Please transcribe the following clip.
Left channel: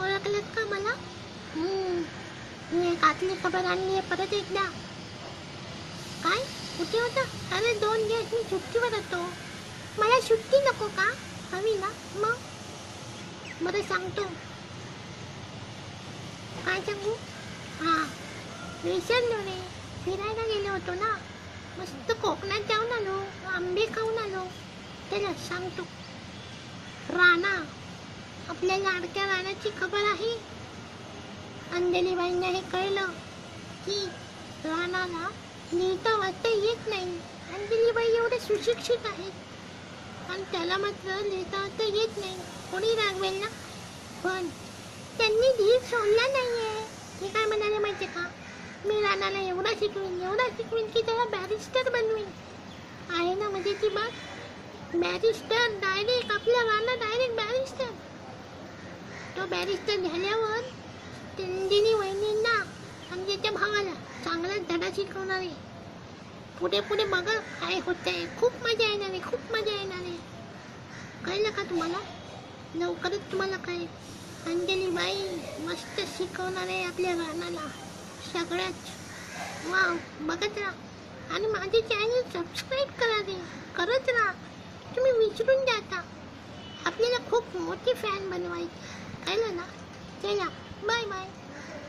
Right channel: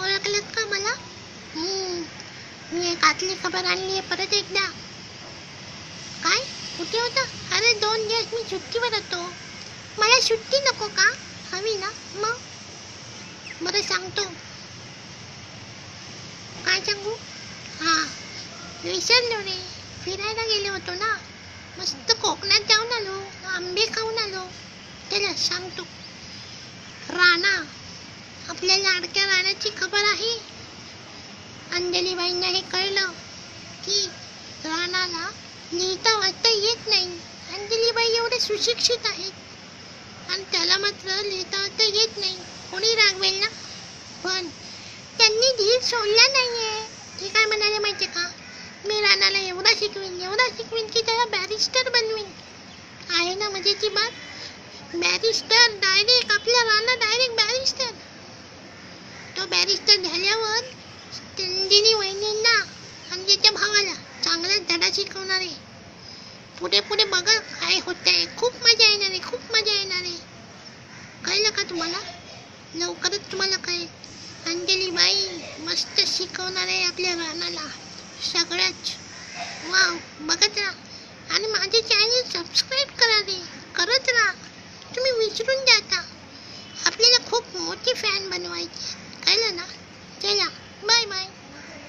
ओळखलंत का मला? मी एक आतली खबर आणली आहे परत एकदा. काय? कुठे होता? अरे 2 दिवस मी सुट्टीवर होतो. मला सुट्टी नको का? हवी ना मग. बरं सांगतो. काय सांगू? हां, विसरलो रे. फिरायला गेलो होतो ना. मस्त कोकणात जाऊन आलो. आंबे खाऊन आलो. चला सांगतो. राणा, आपल्या लाडक्या राणाची खबर आहे. अंजलीबाईंना हे कळलं की राणाला लिहिता वाचता येत नाही. अंजलीबाई एवढे सुशिक्षित आहेत आणि त्याला मात्र लिहिता वाचता येत नाही. कोणी रागवेल ना. पण त्यांनी धीर सोडला नाहीये. ते काय म्हणाले माहितीये का? मी राणाला एवढा शिकवीन की त्याला बॅरिस्टर बनवीन. आहे ना मजेची बात. बॅरिस्टर डायरेक्ट, आपला राणा डायरेक्ट बॅरिस्टर. तो बॅरिस्टर झाल्यावर अंजली वहिनींना आणि त्याच्या भावाला चांगला धडा शिकवणार आहे. पुढे पुढे बघा काय होतंय. खूप मजा येणार आहे, खूप मजा येणार आहे. कळलं का तुम्हाला? लवकरच तुम्हाला कळेल. अंजलीबाई मस्त शिकवणार आहे आपल्या राणाला सगळ्याच. वाव, बघत राहा आणि माझे चॅनल सबस्क्राईब करा.